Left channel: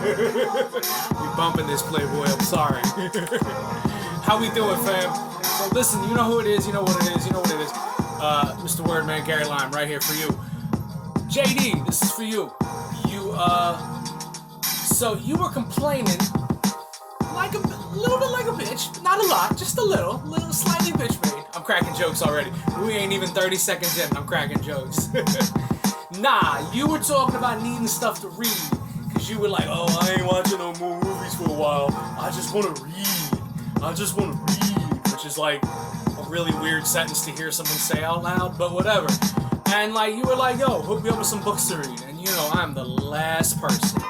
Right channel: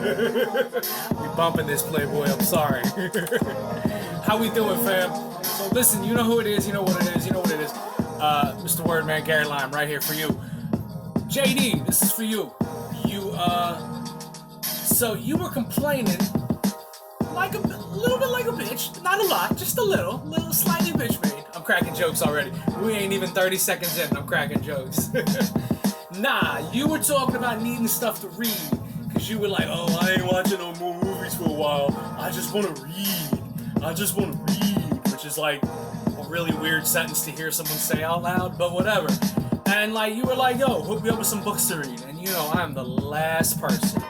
We bumping this Playboy, I'm sorry. How we doing, fam? So listen, you know who it is, you know what it is, you know what it is. Mr. Wordman, Gary Lime, right here for you. JD, this is for you. So you were complaining like a little bit like a bitch, not a lot, just a little slightly bitch made. I'm cracking jokes already. We ain't even 30 seconds in, I'm cracking jokes. Nah, you were talking about needing stuff to read, cause you were like, oh, I ain't watching no more movies for a while. I just want to read, which is like a really weird sentence to hear someone say out loud, but whatever. And like you were like, yo, hook me up with some books to read, and you know I'm the last person,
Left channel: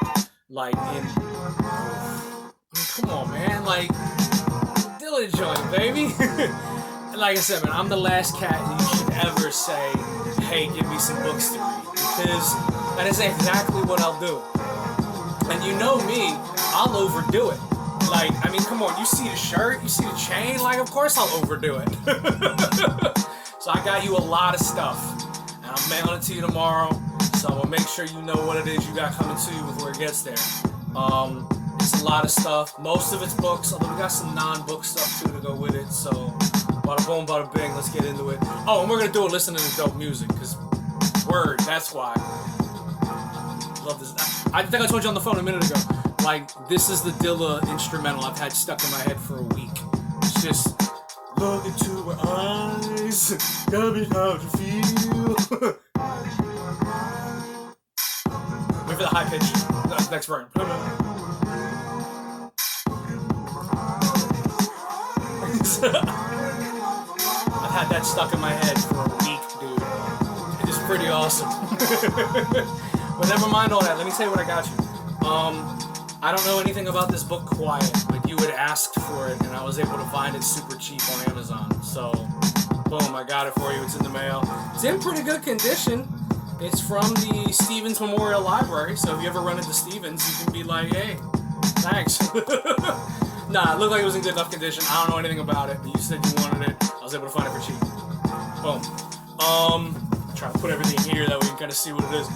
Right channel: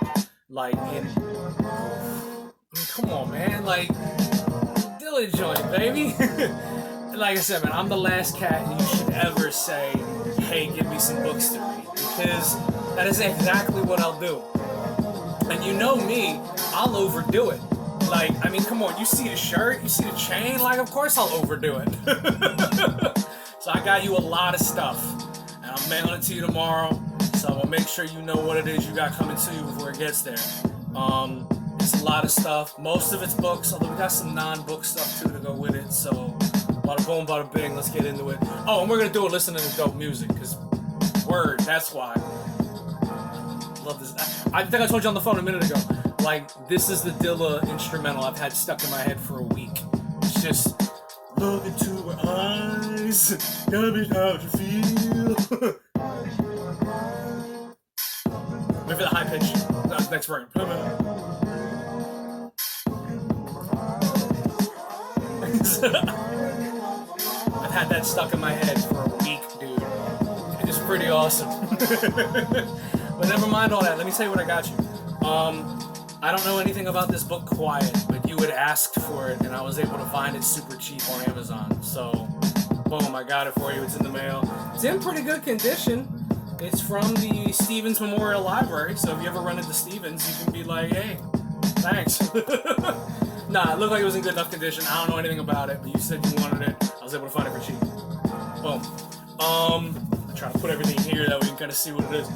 like come on, man, like, Dylan joint, baby. Like I said, man, I'm the last cat you should ever say, hey, give me some books to read, because that is exactly what I'll do. And you know me, I'll overdo it. Like, I mean, come on, you see the shirt, you see the chain, like, of course I'll overdo it. So I got you a lot of stuff, and I'm mailing it to you tomorrow, so I'm gonna make sure you know what it is you got coming to you before it gets there. It's a lot of stuff. Most of it's books, although we got some non-book stuff too to go with it. So, bada boom, bada bing, let's get into it. Oh, and we're gonna do it listening to dope music, because word, that's why. Love this. I think I told you on the phone a minute ago. Like, this is the Dilla instrumental I've had stuck in my head for a week. It's just, look into her eyes, tell me how you feel. Wait for the high pitch. That's the next verse. I've had that stuck in my head for a week, dude. It is pretty awesome. But never mind all that. Let me tell you what I got you. I don't know anything about this book, Quiet, but you had asked for it, and I was able to find it super cheap on Amazon. So, boom, I got it for you. It's in the mail. It's in pretty good condition. It's from the Stevens Memorial Library, so if you ever run into Stevens, you can be like, hey, thanks. Nah, it looked like it was in good enough condition. I don't know anything about it, but you said you wanted it. I was able to find it for cheap. Boom. I'm trying to put everything here that we can kind of see what it is.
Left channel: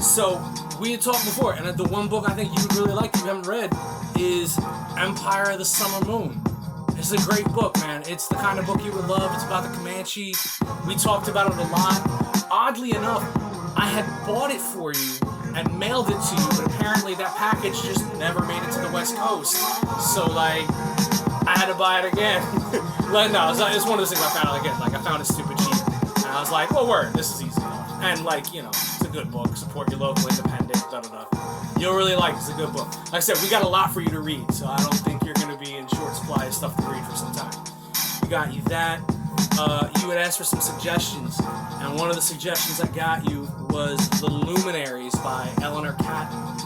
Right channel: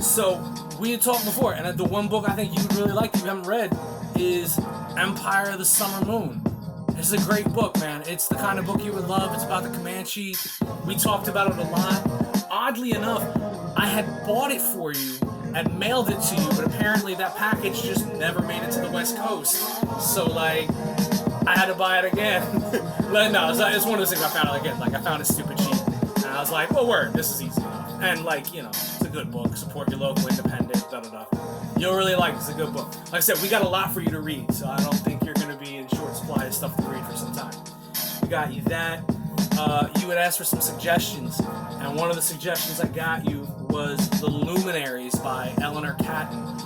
So, we had talked before, and the one book I think you would really like if you haven't read is Empire of the Summer Moon. It's a great book, man. It's the kind of book you would love. It's about the Comanche. We talked about it a lot. Oddly enough, I had bought it for you and mailed it to you, but apparently that package just never made it to the West Coast. So, like, I had to buy it again. No, it's one of those things I found out again. Like, I found it stupid cheap. And I was like, well, word, this is easy enough. And, like, you know, it's a good book. Support your local independent, da-da-da. You'll really like it. It's a good book. Like I said, we got a lot for you to read, so I don't think you're going to be in short supply of stuff to read for some time. We got you that. You had asked for some suggestions, and one of the suggestions I got you was The Luminaries by Eleanor Catton.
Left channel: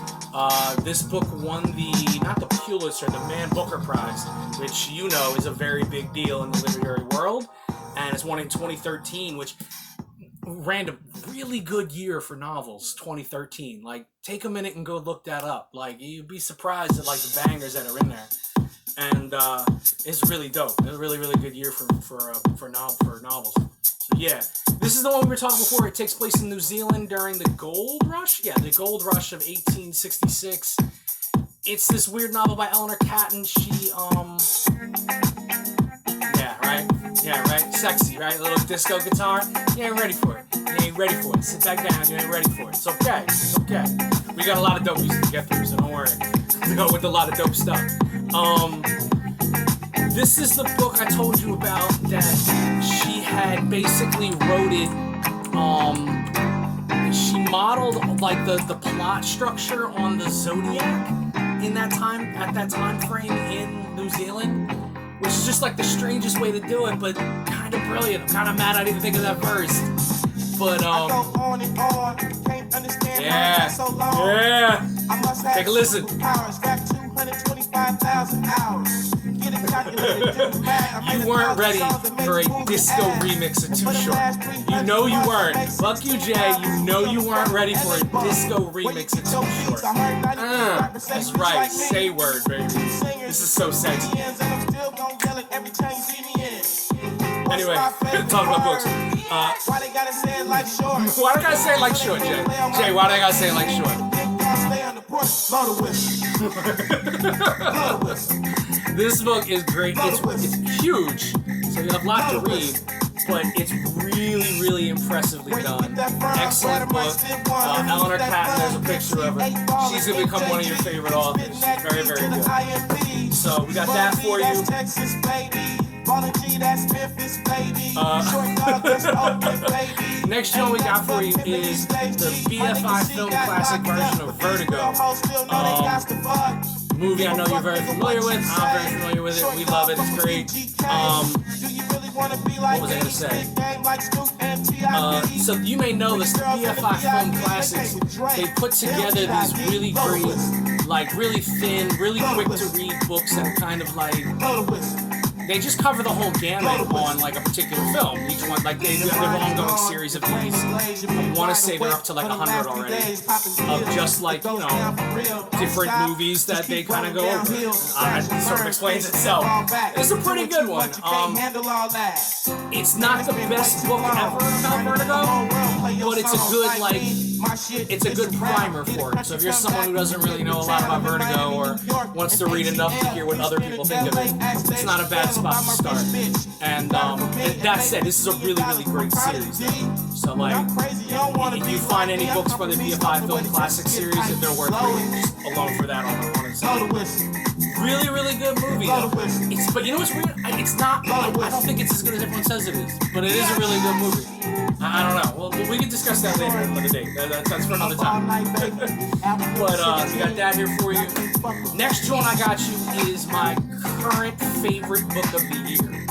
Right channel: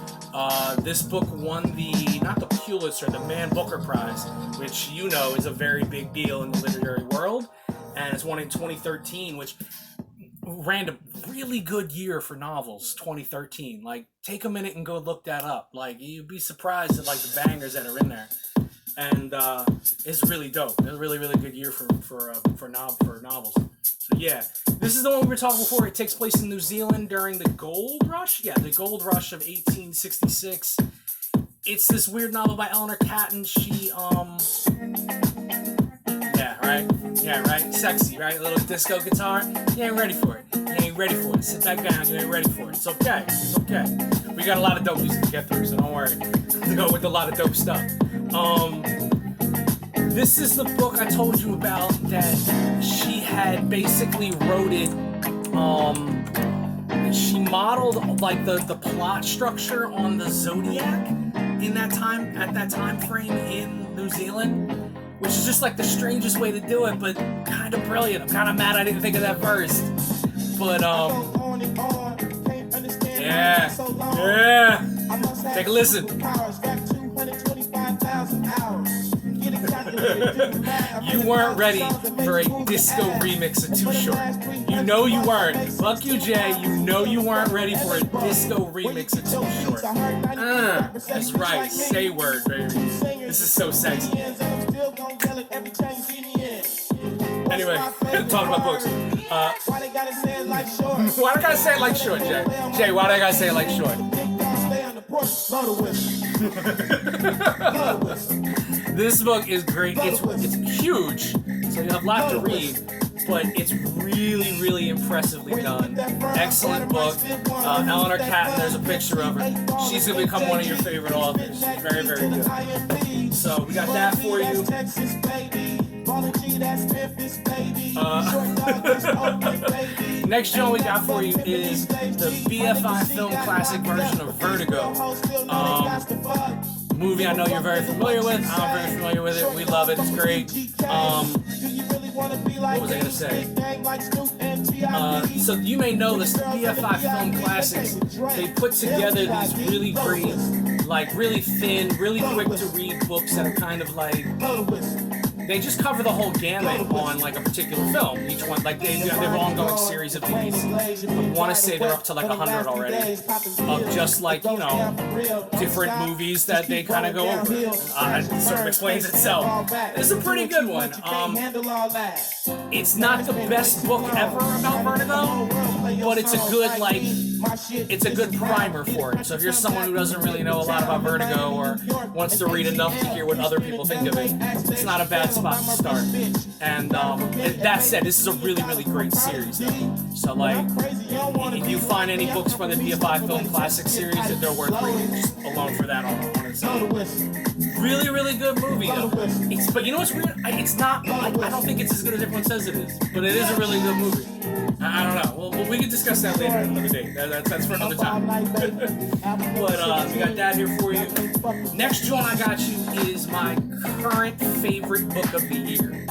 This book won not the Pulitzer, the Man Booker Prize, which you know is a very big deal in the literary world, and it's won in 2013, which ran a really good year for novels, 2013. Like, take a minute and go look that up. Like, you'd be surprised at, like, the bangers that are in there. And it's really dope. It's a really, really good year for novels. So yeah, this is the one we were talking before. It takes place in New Zealand during the Gold Rush. Yeah, the Gold Rush of 1866. It's this weird novel by Eleanor Catton. She yeah, right. Sexy, right? A little disco guitar. You ain't ready for it. You ain't ready for it. Sit back down. You ain't ready for it. It's okay. It's okay. We got a lot of dope music to get through, so don't worry. We go with a lot of dope stuff. This is the book I told you about that she had basically wrote it. She modeled like the plot structure on the Zodiac at that time frame in New Zealand, which is just like the strangest way to do it, but kind of brilliant. I'm kind of mad I didn't think of that first. But yeah. Take a listen. You weren't ready for a disco remix of Too Short. You know you weren't. Fuck you, Jay. You know you weren't ready for a disco remix of Too Short. That's right. Say word, baby. This is so sexy. Anyway, talking about books. Why they gotta say it like short? Why they gotta say it like short, Jay? Jay, why they gotta say it like short? This book is great. It's huge, so you have a lot to read, but it's really, really impressively done. Excellent book. Eleanor Catton, there's a picture of her. She's going to become one of your favorite authors. She's very, very good. So we got that for you. Next joint we got for you is the BFI Film Classic version of Vertigo. Movie I know you're very familiar with. I'm very familiar with it. We love it. It's great. What was I going to say? So you may know this, the BFI Film Classics, they put together these really great, like really thin, really quick to read books that are kind of like, they just cover the whole gamut on like a particular film. Each one, like they have their ongoing series of these. I want to say they're up to like 100 already, of just like, you know, different movies that they kind of go over. It sort of explains itself. It's a pretty good one. It's not the best book ever about Vertigo, but it's a good like, it's a good primer for it. So if you're someone who doesn't really know a lot about Vertigo or wants to read enough to hear what other people think of it, it's not a bad spot to start. And that said, this is a really, really great series though. So like, if you find any books from the BFI Film Classic series, that they're worth reading just alone for that on its own. Really, really good movie though. But you know what's weird? It's not, I don't think it's as good as everyone says it is, but it is a really good movie. I don't know. Well, we can discuss that later another day. That's for another time. But we got that here for you. Next joint I got you is my current favorite book of the year.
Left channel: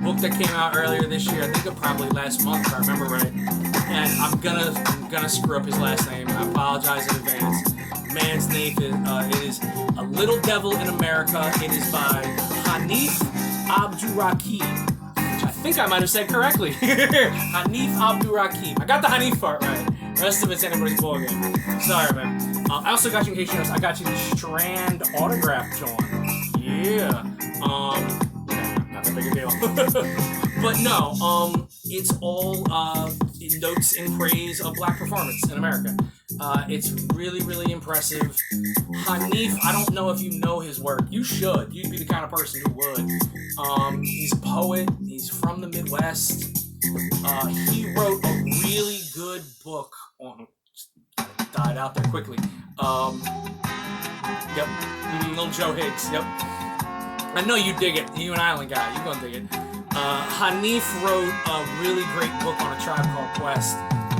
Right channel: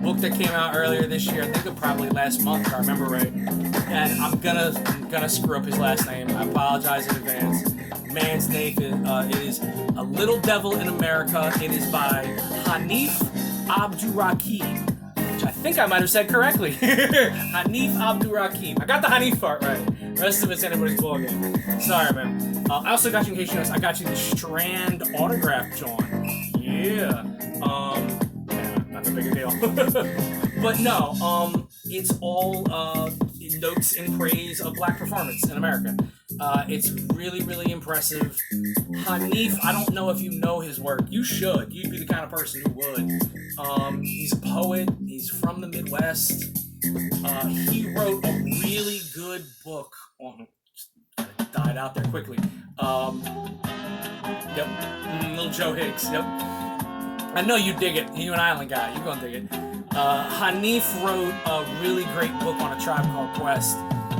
Book that came out earlier this year. I think it probably last month, if I remember right. And I'm gonna screw up his last name. I apologize in advance. Man's name is A Little Devil in America. It is by Hanif Abdurraqib. I think I might have said correctly. Hanif Abdurraqib. I got the Hanif part right. The rest of it's anybody's ballgame. Sorry, man. I also got you, in case you noticed, I got you the Strand autograph, John. Yeah. Not a big a deal. But no, it's all notes in praise of black performance in America. It's really, really impressive. Hanif, I don't know if you know his work. You should. You'd be the kind of person who would. He's a poet. He's from the Midwest. He wrote a really good book on... died out there quickly. Yep. Little Joe Higgs. Yep. I know you dig it. You an island guy. You gonna dig it. Hanif wrote a really great book on A Tribe Called Quest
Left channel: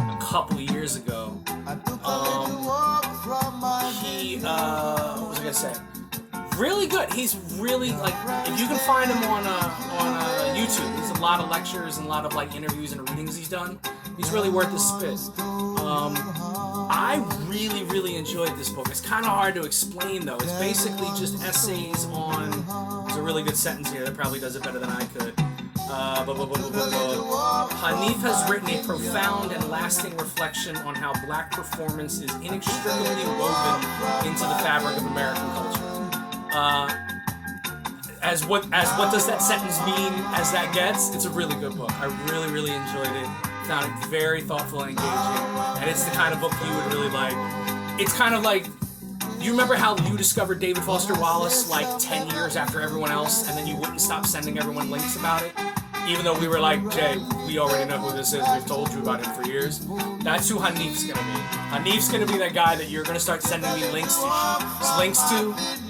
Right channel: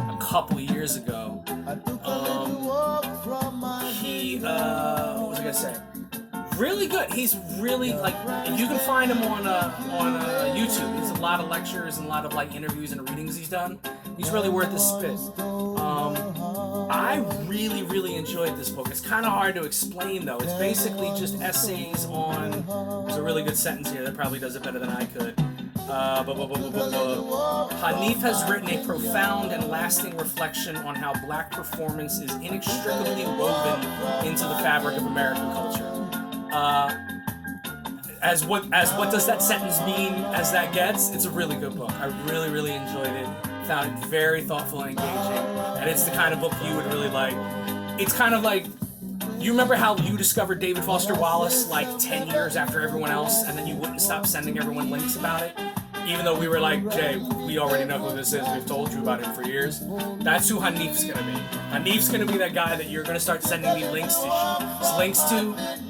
a couple of years ago. What was I gonna say? Really good. He's really like, if you can find him on YouTube, there's a lot of lectures and a lot of like interviews and readings he's done. He's really worth the spit. I really, really enjoyed this book. It's kind of hard to explain though. It's basically just essays on. There's a really good sentence here that probably does it better than I could. Hanif has written a profound and lasting reflection on how black performance is inextricably woven into the fabric of American culture. As what does that sentence mean as that gets? It's a really good book. I really, really enjoyed it. Found it very thoughtful and engaging. And it's the kind of book you would really like. It's kind of like, you remember how you discovered David Foster Wallace like 10 years after everyone else, and then you wouldn't stop sending everyone links about it? Even though we were like, Jay, we already know who this is. We've told you about him for years. That's who Hanif's going to be. Hanif's going to be that guy that you're going to start sending me links to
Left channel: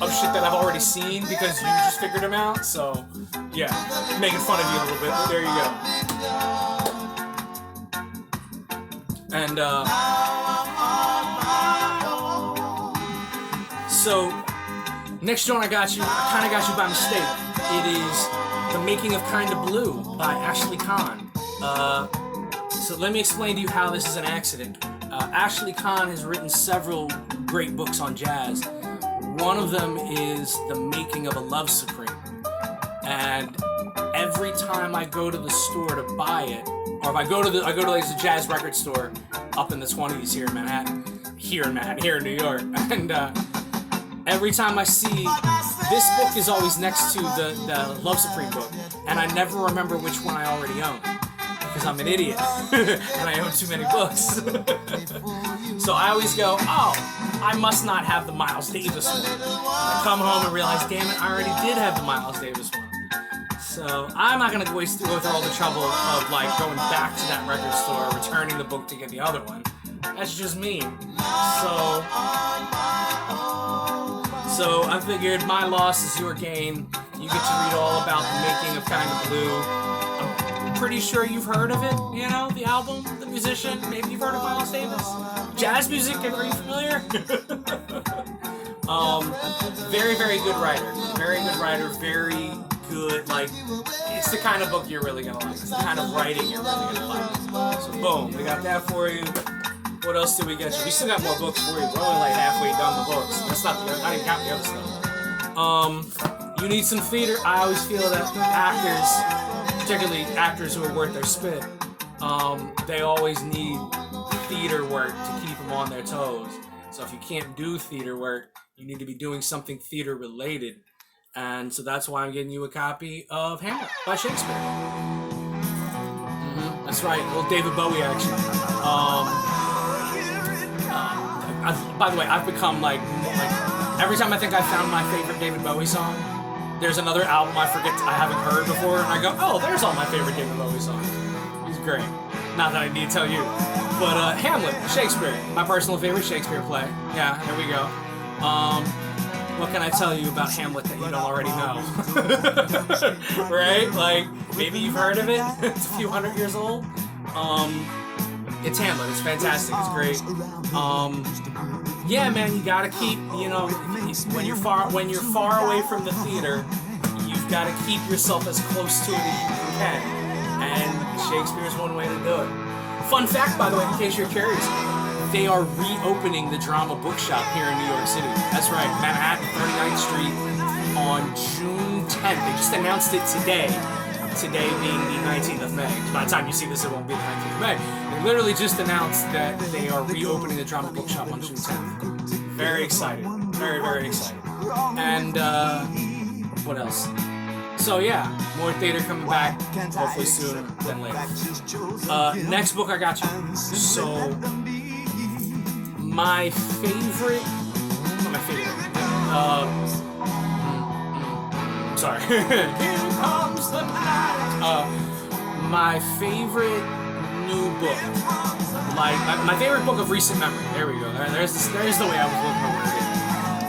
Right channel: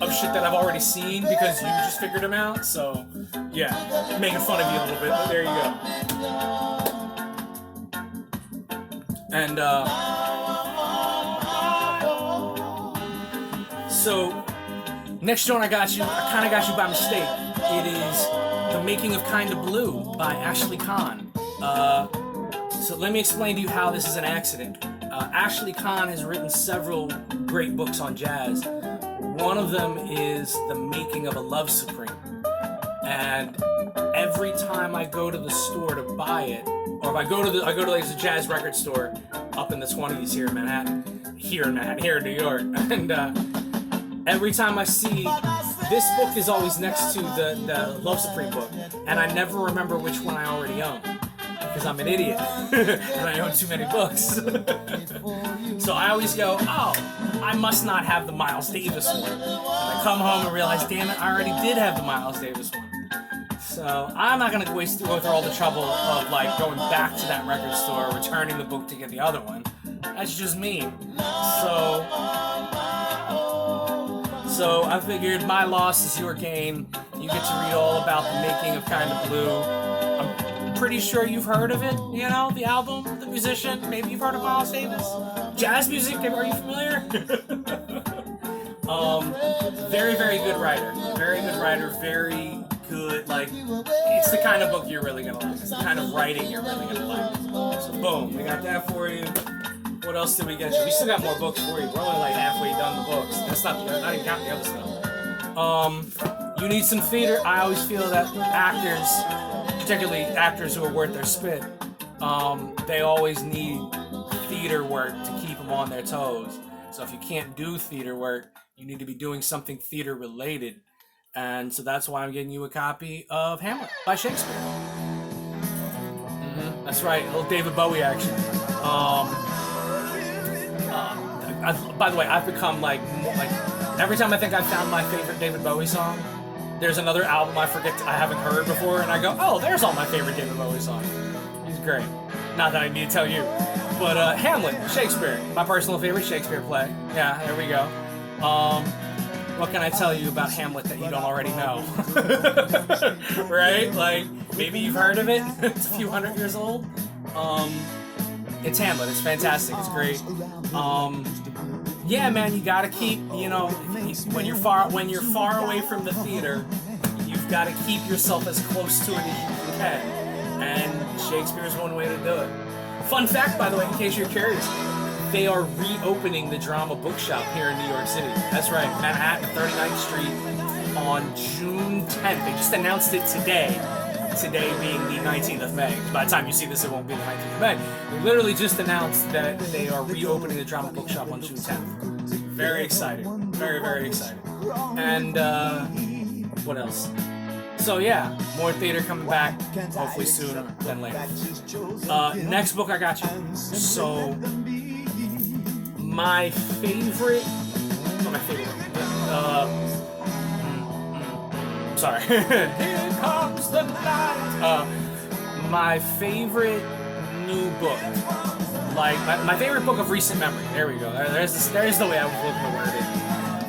of shit that I've already seen because you just figured him out. So, yeah, making fun of you a little bit, but there you go. And, so, next joint I kind of got you by mistake. It is The Making of Kinda Blue by Ashley Kahn. So let me explain to you how this is an accident. Ashley Kahn has written several great books on jazz. One of them is The Making of a Love Supreme. And every time I go to the store to buy it, or if I go to like a jazz record store up in the 20s here in Manhattan, here in New York, and every time I see, this book is always next to the Love Supreme book, and I never remember which one I already own, because I'm an idiot, and I own too many books. So I always go, oh, I must not have the Miles Davis one. And I come home and realize, damn it, I already did have the Miles Davis one. So I'm not gonna go through all the trouble of like going back to that record store, returning the book to get the other one. That's just me. So I figured my loss is your gain. You get to read all about the making of Kind of Blue. I'm pretty sure you've heard of it, you know, the album, the musician. Maybe you've heard of Miles Davis. Jazz music, are you familiar? Very, very good writer. Very good writer, very good, like, it's the kind of book you're really gonna like. It's the kind of writing you're really gonna like. So boom, we got that for you. What else did we get you? We still got more books for you. We're only like halfway done the books. That's not I didn't count the other stuff. You need some theater. I always feel that actors, particularly actors who are worth their spit, they always need theater work to keep them on their toes. So if you can't do theater work, you need to be doing something theater related. And so that's why I'm getting you a copy of Hamlet by Shakespeare. That's right, a little David Bowie action. By the way, I've become like every time I think I found my favorite David Bowie song, there's another album I haven't heard before, and I go, oh, there's all my favorite David Bowie songs. He's great. Not that I need to tell you, but Hamlet, Shakespeare, my personal favorite Shakespeare play. Yeah, there we go. What can I tell you about Hamlet that you don't already know? Right? Like, maybe you've heard of it. It's a few hundred years old. It's Hamlet. It's fantastic. It's great. Yeah, man, you gotta keep, you know, when you're far away from the theater, you've got to keep yourself as close to it as you can. And Shakespeare is one way to do it. Fun fact, by the way, in case you're curious, they are reopening the Drama Bookshop here in New York City. That's right, Manhattan, 39th Street on June 10th. They just announced it today. Today being the 19th of May. By the time you see this, it won't be the 19th of May. They literally just announced that they are reopening the Drama Bookshop on June 10th. Very excited. Very, very excited. And, what else? So yeah, more theater coming back, hopefully sooner than later. Next book I got you. So, my favorite, not my favorite, sorry. Here comes the night. My favorite new book, like my favorite book of recent memory. There we go. There's the way I was looking to word it.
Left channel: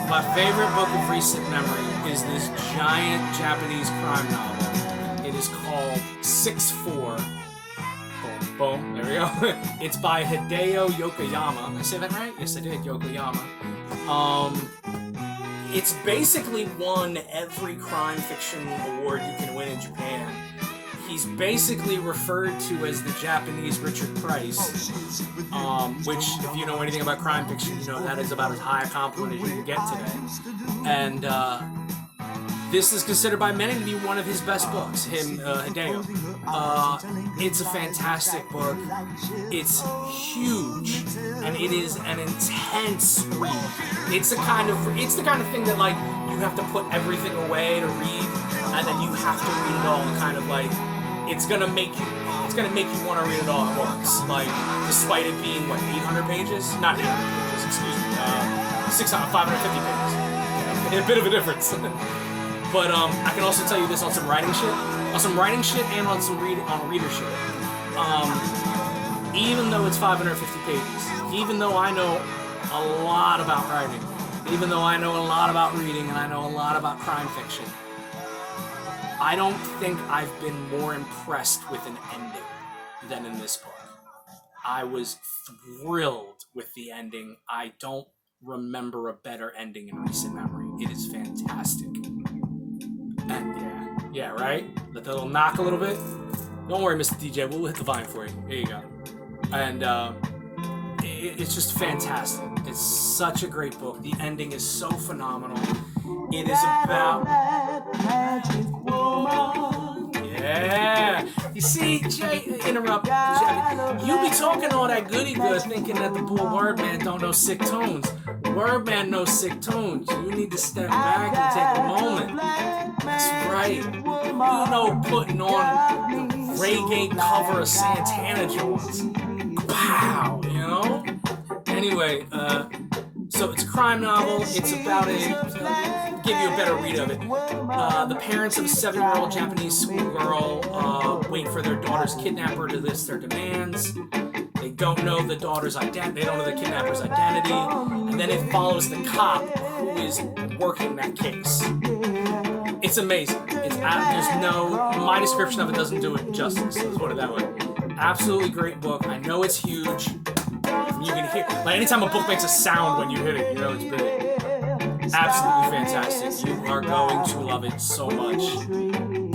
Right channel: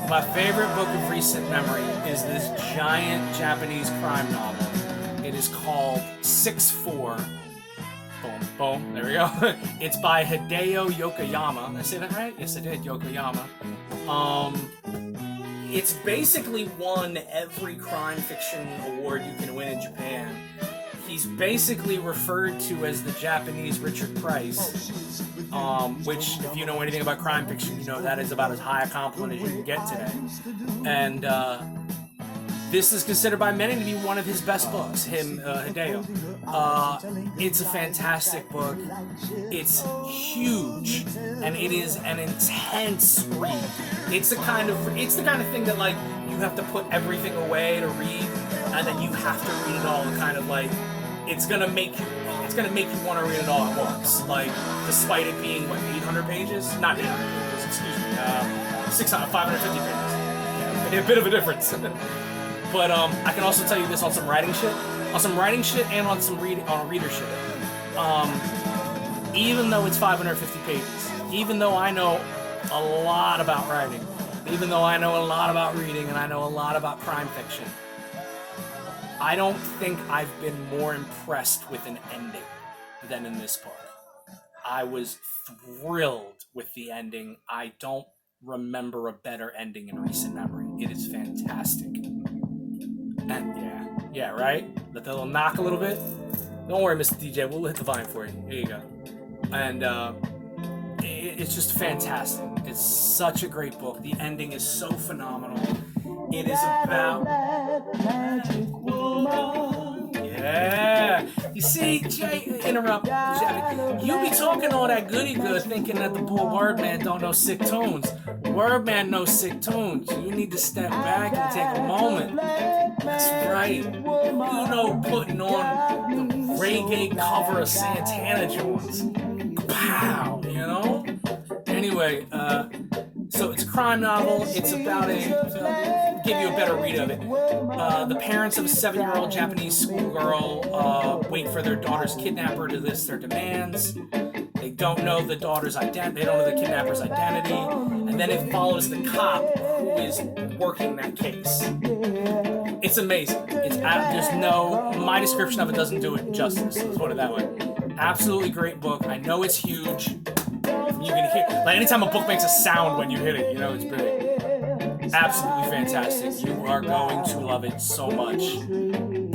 My favorite book of recent memory is this giant Japanese crime novel. It is called 6-4. Boom, boom. There we go. It's by Hideo Yokoyama. Did I say that right? Yes, I did. Yokoyama. It's basically won every crime fiction award you can win in Japan. He's basically referred to as the Japanese Richard Price, which, if you know anything about crime fiction, you know that is about as high a compliment as you can get today. And this is considered by many to be one of his best books, Hideo. It's a fantastic book. It's huge, and it is an intense read. It's the kind of thing that, like, you have to put everything away to read, and then you have to read it all. Kind of like it's gonna make you want to read it all at once. Like, despite it being 800 pages, not 800 pages, excuse me, 550 pages. Yeah, a bit of a difference. But I can also tell you this on some writing shit, and on some readership. Even though it's 550 pages, even though I know a lot about writing, even though I know a lot about reading, and I know a lot about crime fiction, I don't think I've been more impressed with an ending than in this book. I was thrilled with the ending. I don't remember a better ending in recent memory. It is fantastic. And yeah, right? Let the little knock a little bit. Don't worry, Mr. DJ, we'll hit the volume for you. There you go. And it's just fantastic. It's such a great book. The ending is so phenomenal. It is about... Yeah. You see, Jay, interrupt. You be talking all that goody good thinking that the bull Wordman don't know sick tunes. Wordman knows sick tunes. You need to step back and take a moment. That's right. You know, putting on the reggae cover of Santana joints. Pow, you know? Anyway, So it's a crime novel. It's about give you a better read of it. The parents of a 7-year-old Japanese schoolgirl wait for their daughter's kidnapper to list their demands. They don't know the daughter's identity. They don't know the kidnapper's identity. And then it follows the cop who is working that case. It's amazing. My description of it doesn't do it justice. Let's put it that way. Absolutely great book. I know it's huge. You can hear, like, anytime a book makes a sound when you hit it, you know it's big. Absolutely fantastic. You are going to love it so much.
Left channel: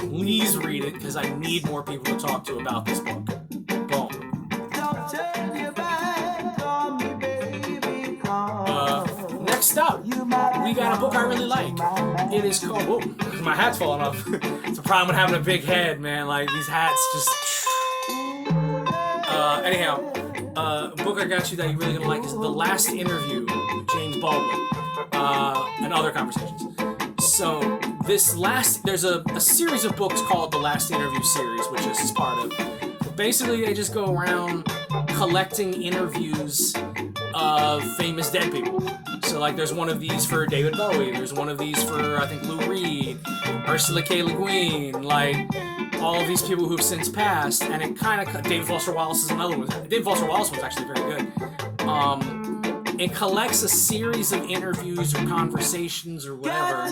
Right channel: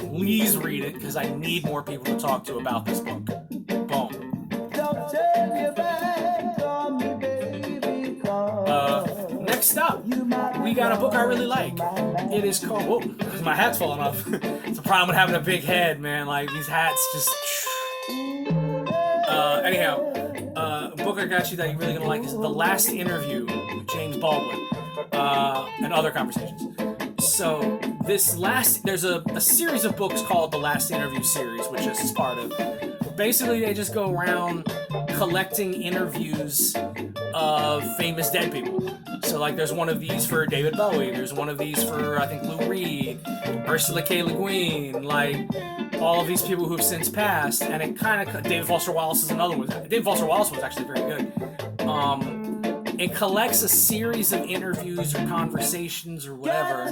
Please read it, because I need more people to talk to about this book. Boom. Next up, we got a book I really like. It is called... Whoa, my hat's falling off. It's a problem with having a big head, man. Like, these hats just... Anyhow, a book I got you that you're really going to like is The Last Interview with James Baldwin and Other Conversations. So, there's a series of books called The Last Interview series, which this is part of. Basically, they just go around collecting interviews of famous dead people. So, like, there's one of these for David Bowie, there's one of these for, I think, Lou Reed, Ursula K. Le Guin, like... all of these people who've since passed, and it kind of... David Foster Wallace is another one. David Foster Wallace was actually very good. It collects a series of interviews or conversations or whatever.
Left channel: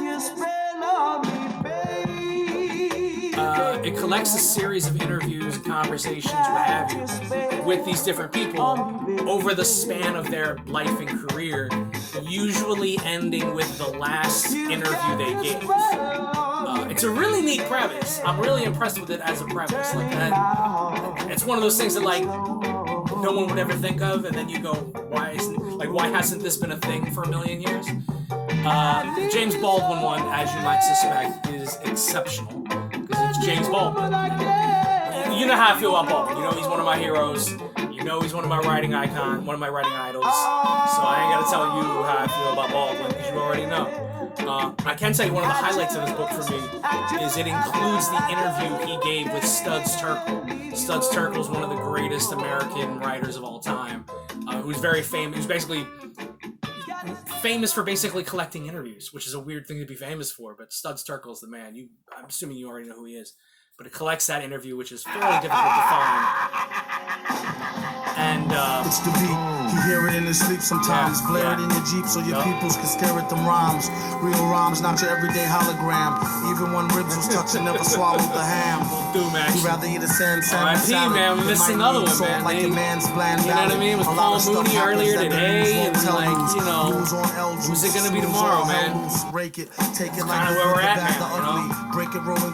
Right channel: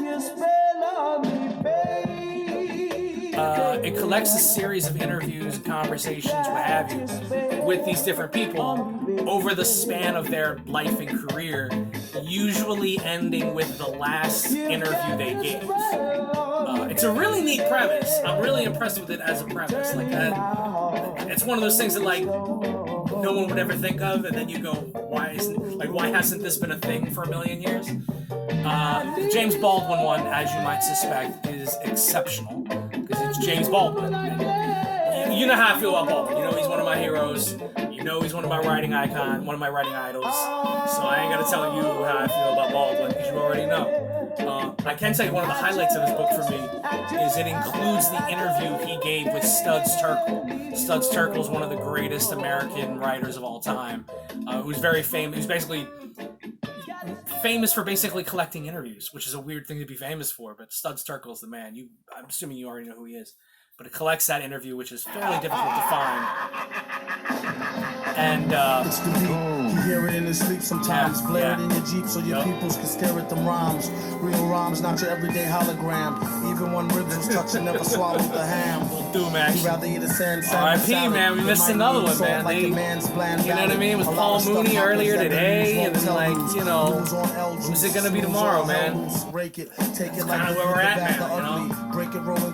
It collects a series of interviews and conversations, what have you, with these different people over the span of their life and career, usually ending with the last interview they gave. It's a really neat premise. I'm really impressed with it as a premise. Like that, it's one of those things that like no one would ever think of, and then you go, why hasn't this been a thing for a million years? The James Baldwin one, as you might suspect, is exceptional because it's James Baldwin. You know how I feel about Baldwin. You know he's one of my heroes. You know he's one of my writing idols. So I ain't gotta tell you how I feel about Baldwin because you already know. I can tell you one of the highlights of this book for me is it includes the interview he gave with Studs Terkel. Studs Terkel is one of the greatest American writers of all time, who's very famous. Who's basically famous for basically collecting interviews, which is a weird thing to be famous for. But Studs Terkel is the man. I'm assuming you already know who he is. But it collects that interview, which is fairly difficult to find. And it's the beat. You hear it in his sleep sometimes. Blare it in your Jeep so your peoples can stare at them rhymes. Real rhymes, not your everyday hologram. Even when ribs was touching, never swallowed the ham. Doom action. He'd rather eat a sand R.I.P. man, we missed another one, man. Like you know what I mean? It was Paul Mooney earlier today, and then like, you know, who's it gonna be tomorrow, man? It's kind of where we're at now, you know?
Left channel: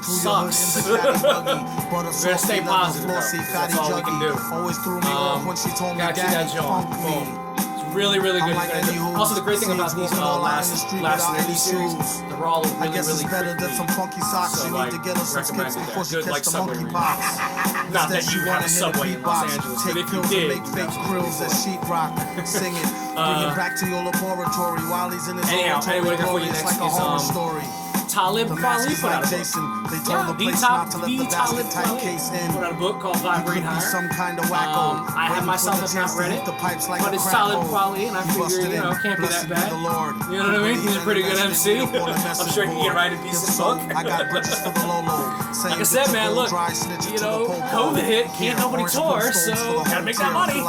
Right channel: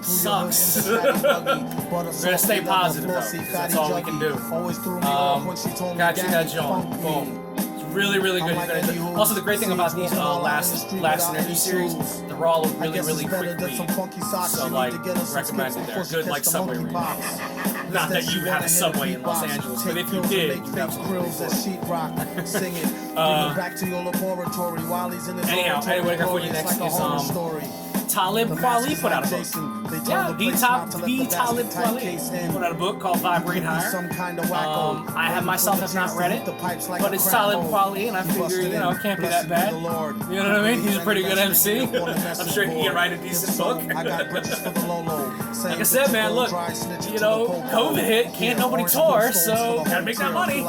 Sucks. We're gonna stay positive though, 'cause that's all we can do. Got you that joint. Boom. It's really, really good. You're gonna enjoy. Also, the great thing about these last interview series, they're all really quick reads. So like, recommended there. Good like subway read. Not that you have a subway in Los Angeles, but if you did, you absolutely Anyhow, what I got for you next is Talib Kweli put out a book. Yeah, the Talib Kweli put out a book called Vibrate Higher. I have myself have not read it, but it's Talib Kweli, and I figure, you know, it can't be that bad. You know what I mean? He's a pretty good MC. I'm sure he can write a decent book. Like I said, man, look, you know, COVID hit, can't nobody tour, so gotta make that money.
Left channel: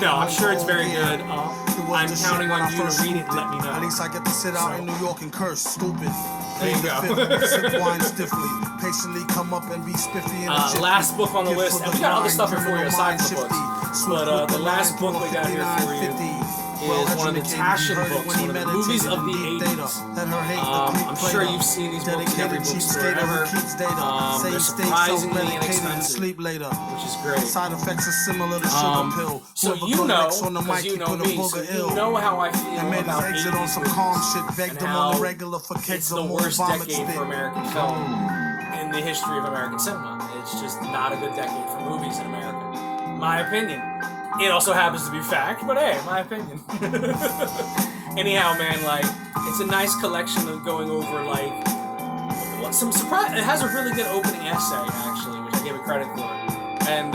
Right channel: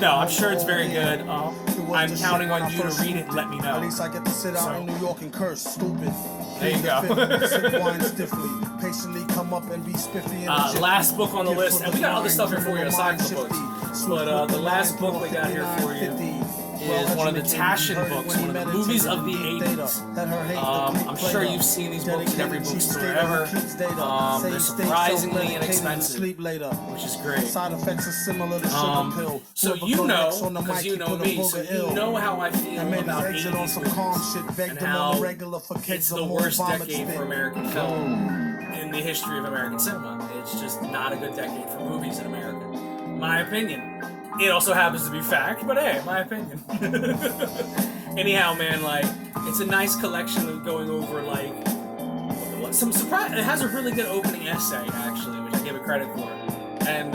No, I'm sure it's very good. I'm counting on you to read it and let me know. At least I get to sit out in New York and curse, stupid. There you go. Last book on the list, and we got other stuff here for you aside from the books. But the last book we got here for you is one of the Taschen books, one of the movies of the 80s. I'm sure you've seen these books in every bookstore ever. They're surprisingly inexpensive, which is great. So you know, because you know me, so you know how I feel about 80s movies and how it's the worst decade for American film in the history of American cinema. It's just not a good decade for movies in America. My opinion. It also happens to be fact, but hey, my opinion. Anyhow, man, like, it's a nice collection of going over, like, some surprise. It has a really good opening essay, actually, which I give it credit for. And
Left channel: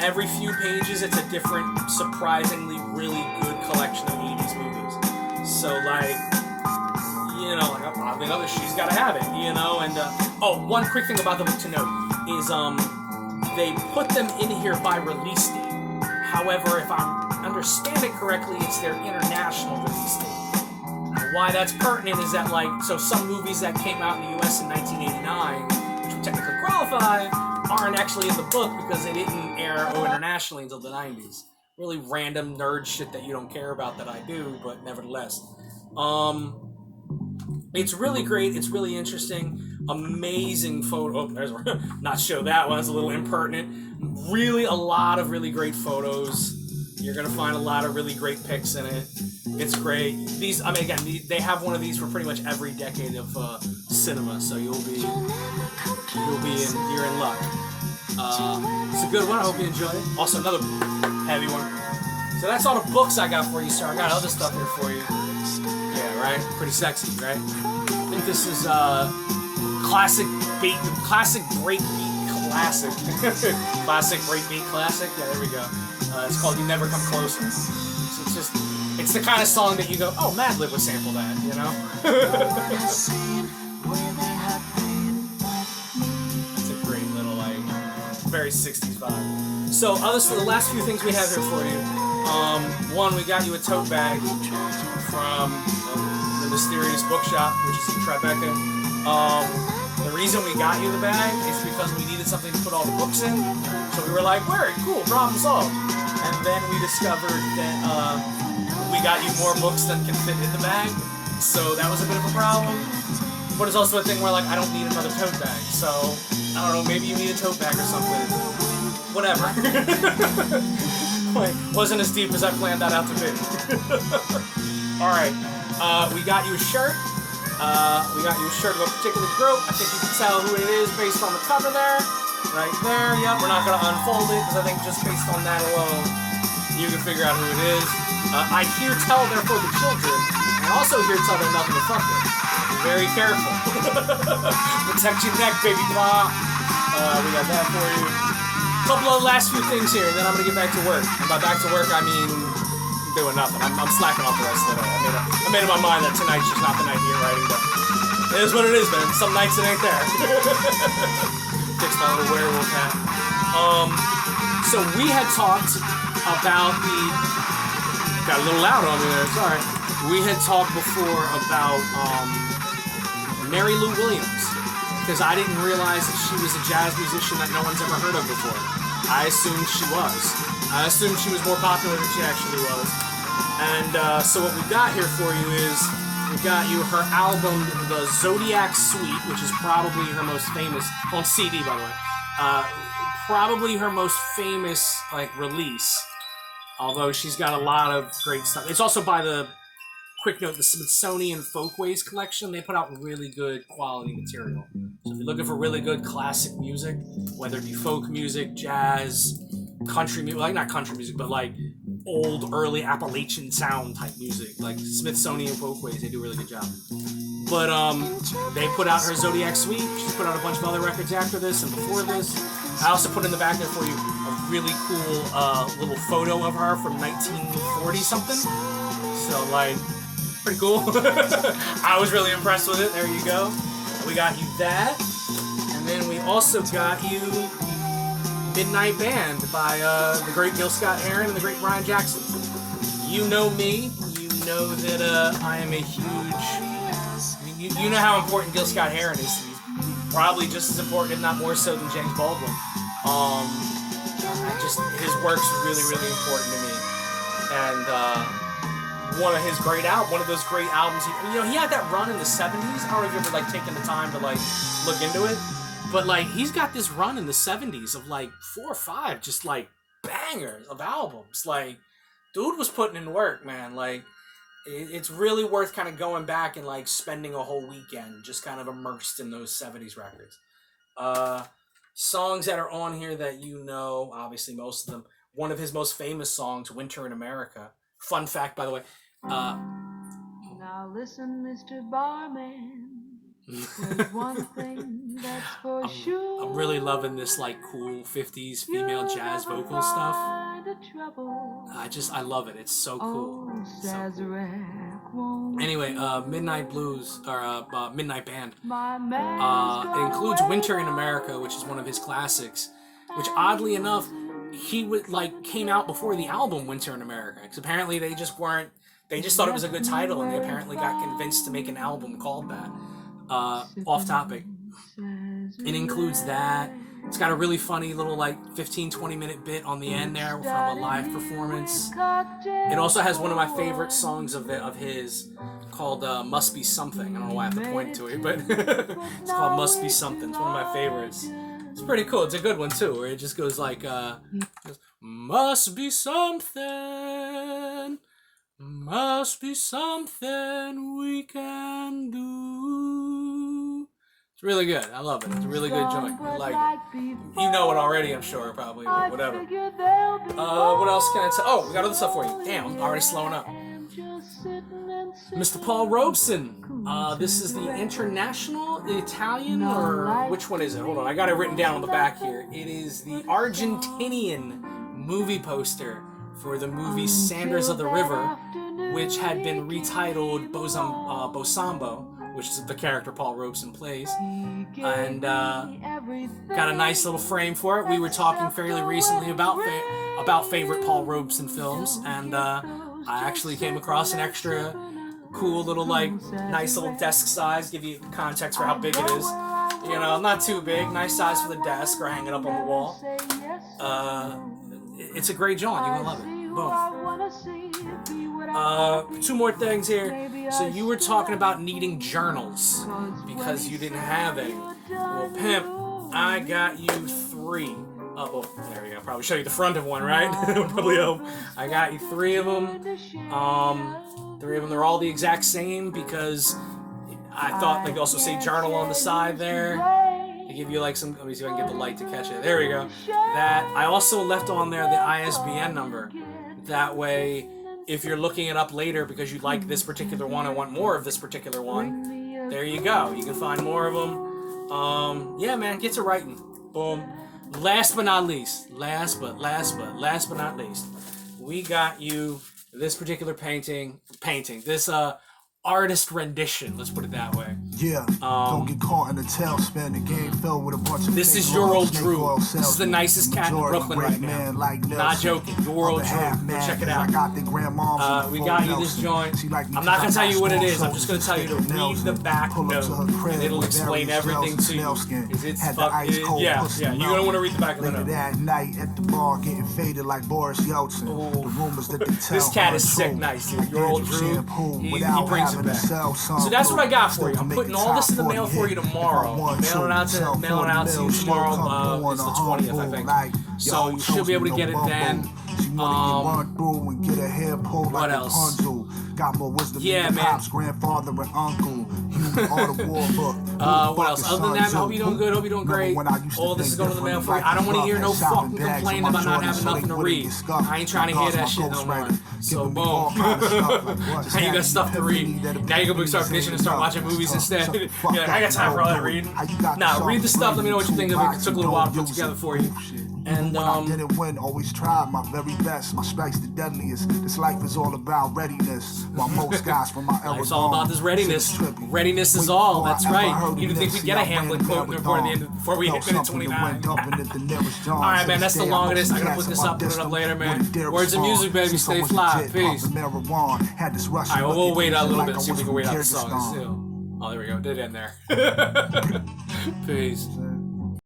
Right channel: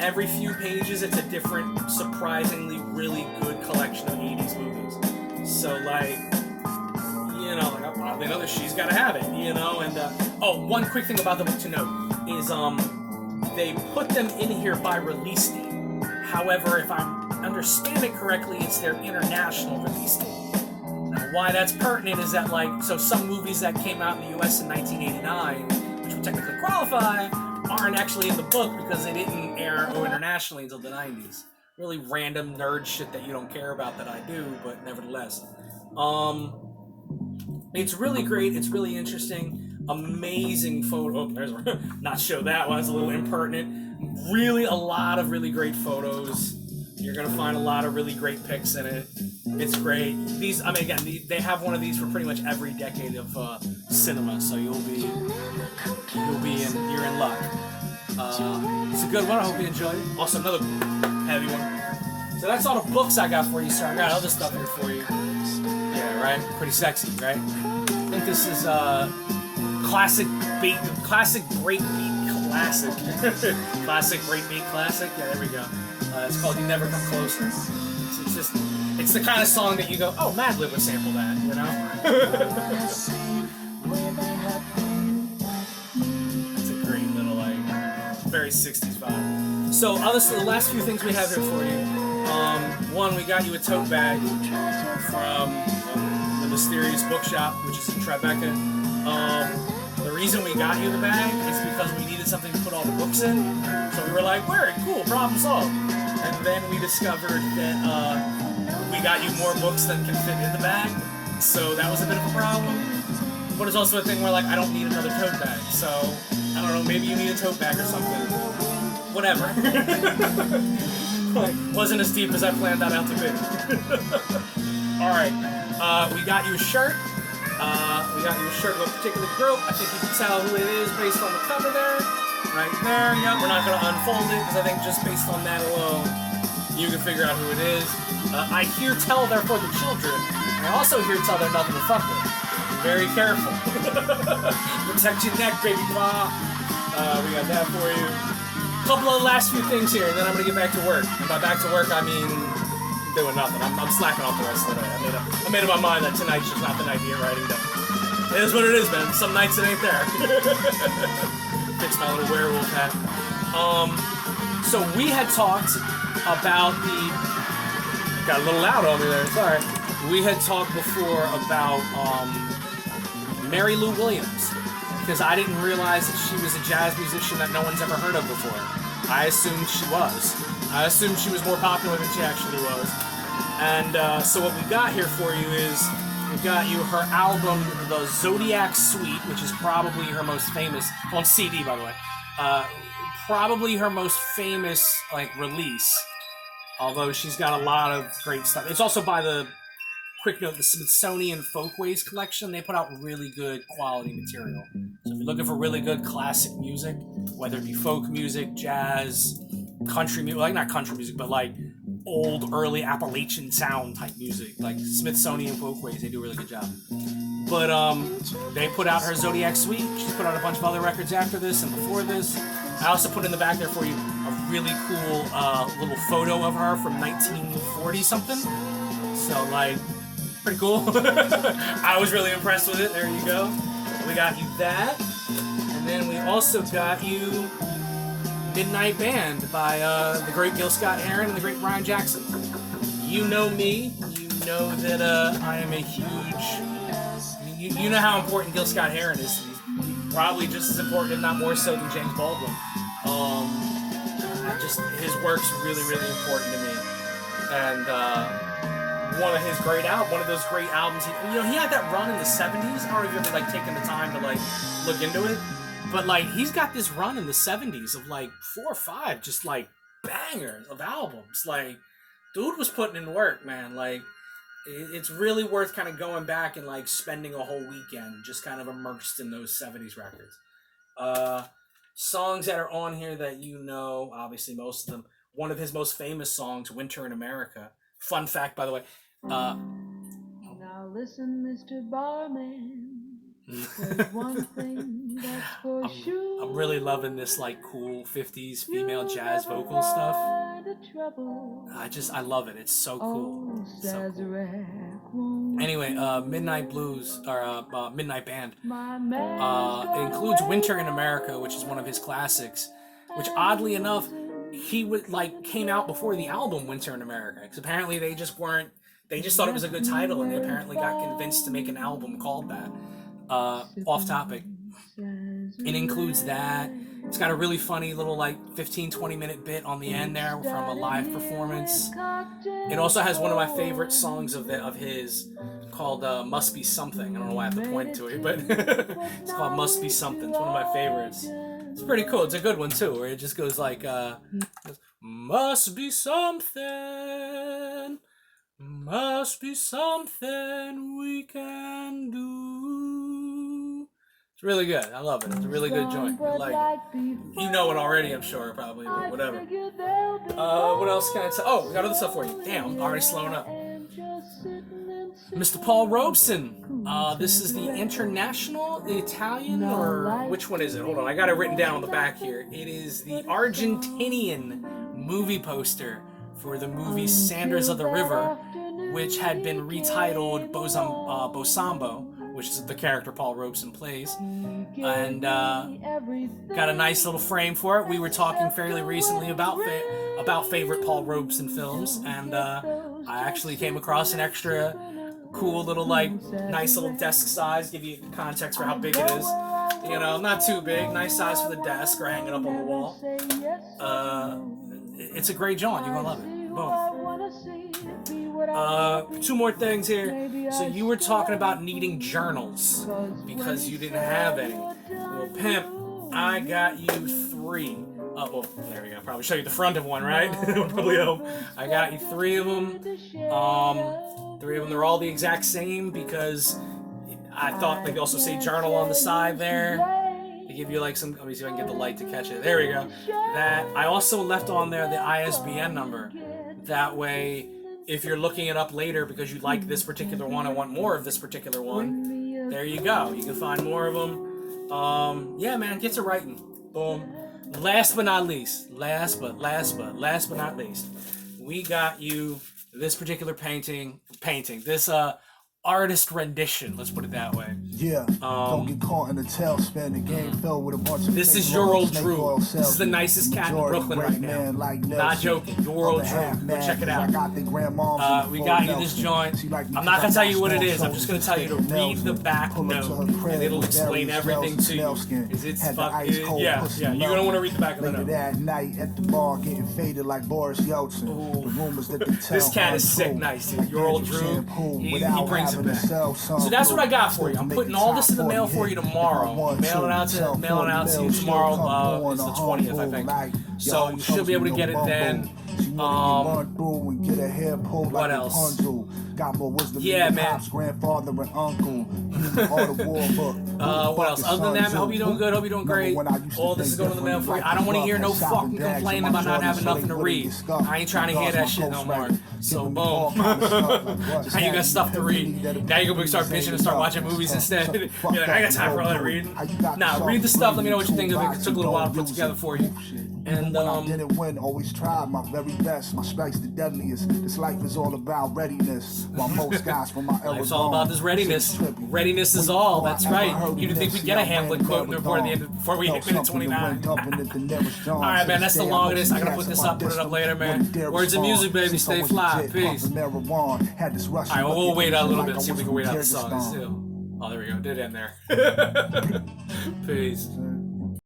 every few pages it's a different, surprisingly really good collection of 80s movies. So like, you know, like oddly enough, she's got to have it, you know. And one quick thing about the book to note is they put them in here by release date. However, if I understand it correctly, it's their international release date. Now, why that's pertinent is that, like, so some movies that came out in the U.S. in 1989, which would technically qualify, aren't actually in the book because they didn't air internationally until the 90s. Really random nerd shit that you don't care about that I do, but nevertheless. It's really great. It's really interesting. Amazing photo. Oh, there's not show that one. It's a little impertinent. Really, a lot of really great photos. You're gonna find a lot of really great pics in it. It's great. These, I mean, again, they have one of these for pretty much every decade of cinema. So you're in luck. It's a good one. I hope you enjoy it. Also, another heavy one. So that's all the books I got for you, sir. I got other stuff here for you. Yeah, right? Pretty sexy, right? I think this is classic breakbeat classic. Classic breakbeat classic. Yeah, there we go. It's called "You Never Come Closer." It's the kind of song that you go, oh, Madlib would sample that, you know? That's a great little, like, very 60s vibe. So the last few things we have here for you. One, we got you a tote bag from the Mysterious Bookshop, which is in Tribeca. The reason we got you the bag is because we needed something to put all the books in. So we were like, word, cool, problem solved. And then we discovered that we got you more books than can fit in the bag. So that was a bit of a problem. But it's also a thing where, like, I don't need another tote bag. So, I don't know, maybe you need a tote bag or something. Whatever. Like, wasn't as deep as I planned that out to be. Alright, we got you a shirt. We got you a shirt of a particular group. I think you can tell who it is based on the cover there. Right there, yep. We're not going to unfold it because I think just based on that alone, you can figure out who it is. I hear tell they're for the children. I also hear tell they're nothing to fuck with. Be very careful. Protect your neck, baby pa. We got that for you. Couple of last few things here, and then I'm going to get back to work. And by back to work, I mean doing nothing. I'm slacking off the rest of the day. I made up my mind that tonight's just not the night to get writing done. It is what it is, man. Some nights it ain't there. Fix my little werewolf hat. So we had talked about got a little loud on me there, sorry. We had talked before about Mary Lou Williams, because I didn't realize that she was a jazz musician that no one's ever heard of before. I assumed she was. I assumed she was more popular than she actually was. And so what we got here for you is, we got you her album, The Zodiac Suite, which is probably her most famous, on CD by the way, probably her most famous, like, release, although she's got a lot of great stuff. It's also by the, quick note, the Smithsonian Folkways collection. They put out really good quality material. So if you're looking for really good classic music, whether it be folk music, jazz, country music, like not country music, but like old, early Appalachian sound type music, like Smithsonian Folkways, they do a really good job. But they put out her Zodiac Suite. She's put out a bunch of other records after this and before this. I also put in the back there for you a really cool little photo of her from 1940 something. So, like, pretty cool. I was really impressed with it. There you go. We got you that. And then we also got you Midnight Band by the great Gil Scott-Heron and the great Brian Jackson. You know me. You know that I am a huge... I mean, you know how important Gil Scott-Heron is. He's probably just as important, if not more so, than James Baldwin. His work's really, really important to me. And one of his great one of those great albums. He had that run in the 70s. I don't know if you ever like taken the time to like look into it, but like he's got this run in the 70s of like 4 or 5 just like bangers of albums. Like, dude was putting in work, man. Like, it's really worth kind of going back and like spending a whole weekend just kind of immersed in those 70s records. Songs that are on here that you know, obviously most of them. One of his most famous songs, Winter in America. Fun fact, by the way. Now listen, Mr. Barman. There's one thing that's for sure. I'm really loving this like cool 50s female jazz vocal stuff. I love it. It's so cool. So cool. Anyway, Midnight Blues or Midnight Band. It includes Winter in America, which is one of his classics. Which oddly enough, he would came out before the album Winter in America. Because apparently they just thought it was a good title, and they apparently got convinced to make an album called that. Off topic. It includes that. It's got a really funny little 15-20 minute bit on the end there from a live performance. It also has one of my favorite songs of his called Must Be Something. I don't know why I have to point to it, but it's called Must Be Something. It's one of my favorites. It's pretty cool. It's a good one too, where it just goes must be something, must be something we can do. It's really good. I love it. It's a really good joint. I like it. You know it already, I'm sure, probably, but whatever. What else can I tell? Oh, we got other stuff for you. Damn, I'm already slowing up. Mr. Paul Robeson. This is the international, the Italian, or which one is it? Hold on, I got it written down on the back here. It is the Argentinian movie poster for the movie Sanders of the River, which had been retitled Bosambo, which is the character Paul Robeson plays, and got a nice little frame for it. We were talking fairly recently about favorite Paul Robeson films, and I actually came across an extra cool little nice little desk size. Give you context for how big it is. You know, not too big, nice size for the desk or hang it up on the wall. It's a great joint. You're gonna love it. Boom. Two more things here. So you were talking about needing journals because you didn't have any. Well, pimp, I got you 3. Oh, there we go. Probably show you the front of one, right? Probably hope. I got you 3 of them. 3 of them. They're all the exact same because I thought they also say journal on the side there. They give you some. Let me see if I can get the light to catch it. There we go. That I also left on there the ISBN number. That way, if you're looking it up later because you like this particular one, I want more of this particular one, there you go. You can find more of them. Yeah, man, get to writing. Boom. Last but not least, last but not least, we got you this particular painting, this artist rendition, let's put it that way. Yeah, don't get caught in the tailspin. The game filled with a bunch of. This is your old Drew. This is the nicest cat in Brooklyn right now. Not joking. Your old Drew. Go check it out. We got you this joint. I'm not gonna tell you what it is. I'm just gonna tell you to read the back note, and it'll explain everything to you. It's yeah. You're gonna want to read the back of the note. That night at the bar, getting faded like Boris Yeltsin. The rumors that they tell. This cat is sick, nice, dude. Your old Drew. He brings it back. So that's what I got for you. I'm putting all this in the mail for you tomorrow. Mailing out to you tomorrow. Is the 20th, I think. So you should be able to get it then. What else? Yeah, man. What else? Other than that, I hope you're doing good. Hope you're doing great. All this is going to the mail for you. I don't want to hear no fucking complaining about not having nothing to read. I ain't trying to hear that shit no more. So boom. Now you got stuff to read. Now you're gonna start bitching and start watching movies instead. You're like, I got time for all that reading. Nah, read the stuff. Let me know what you think of it. It took a little while to put together for you. And didn't win, always tried my very best. My strike's the deadliest. This life is all about readiness. While most guys from my era. It's all about this readiness. Readiness is all. That's right. You didn't think we'd get a Hamlet quote before we hit minute 29. Alright, man, that's the longest. I'm gonna put this up, put it up later, man. Words of music, baby. Stay fly. Peace. Alright, well, we'll wait out a little bit and see if we can wait out the song still. Oh, there we go. It did end there. Peace.